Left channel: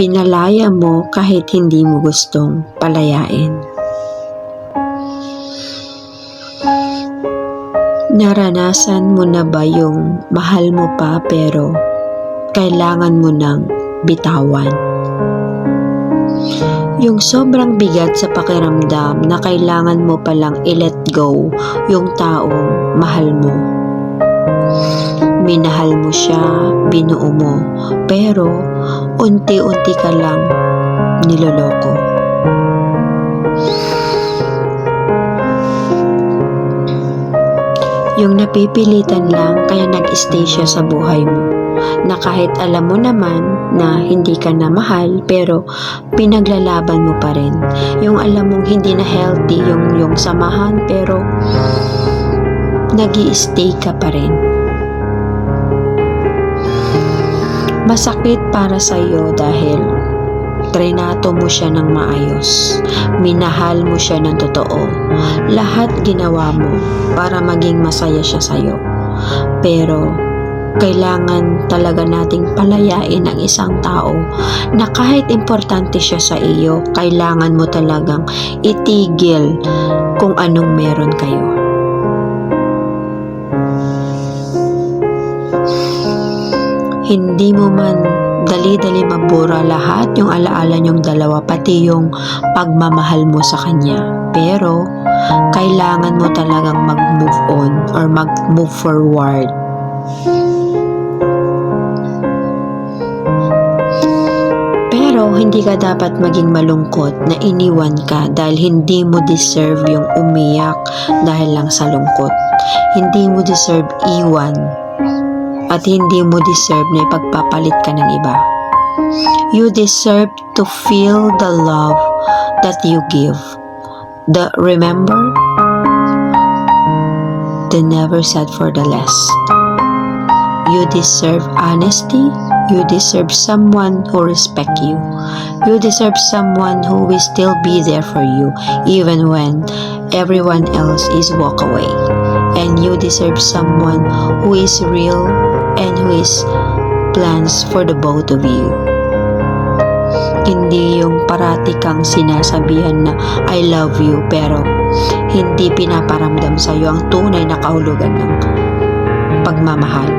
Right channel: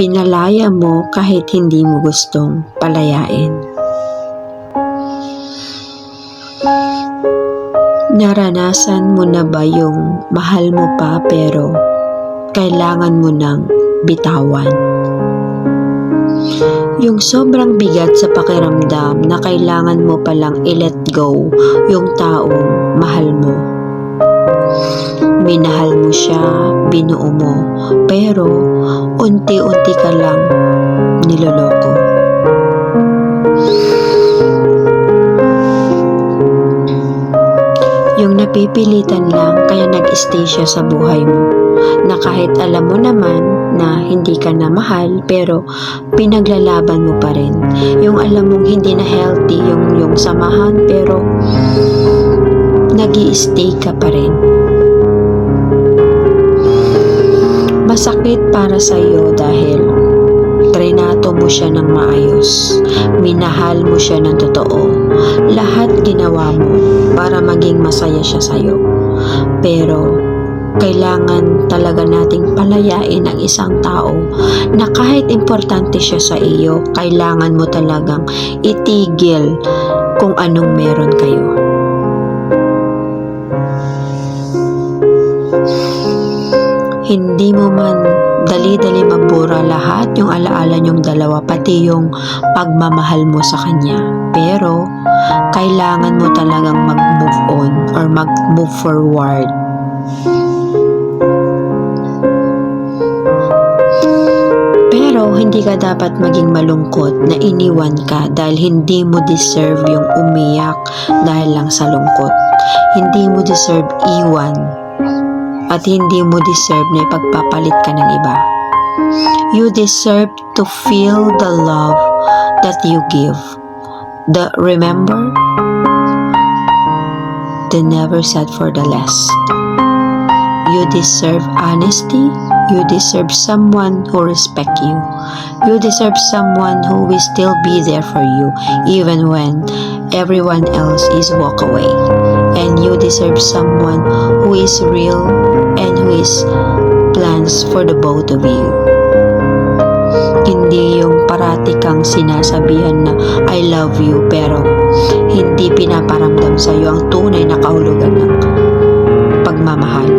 pinalaya mo kahit hindi mo gustong palayain. Naranasan mo na ba yung mahal mo pa pero kailangan mo nang bitawan? Yung sobrang bigat sa pakiramdam na kailangan mo palang i-let go yung taong mahal mo. Minahal mo siya, binuo mo, pero unti-unti ka lang niloloko. Yung napipilitan lang kaya nag-stay siya sa buhay mo, na kahit alam mo naman na hindi ka na mahal pero pinaglalaban mo pa rin. Yung alam mong hindi na healthy yung samahan pero nag-i-stay ka pa rin. Masakit para sa iyo dahil trinato mo siya ng maayos. Minahal mo siya ng totoo. Lahat ginawa mo para maging masaya siya sa'yo. Pero kailangan talaga nating palayain ang isang tao na kahit importante siya sa iyo, kailangan mo talagang itigil kung anong meron kayo. Hindi mo man dali-dali mabura lahat yung alaala niyong dalawa, pati yung pagmamahal mo sa kanya. Pero kailangan mo talagang mag-move on or mag-move forward. Pero hindi ka dapat maging malungkot na iniwan ka dahil hindi mo deserve yung umiyak dahil lang sa lungkot. Hindi mo deserve iwan at hindi mo deserve na ipagpapalit ka ng iba. You deserve to feel the love that you give. Remember? They never said for the less. You deserve honesty. You deserve someone who respects you. You deserve someone who will still be there for you even when everyone else is walk away. And you deserve someone who is real and who is plans for the both of you. Hindi yung parati kang sinasabihan na I love you pero hindi pinaparamdam sa iyo ang tunay na kahulugan ng pagmamahal.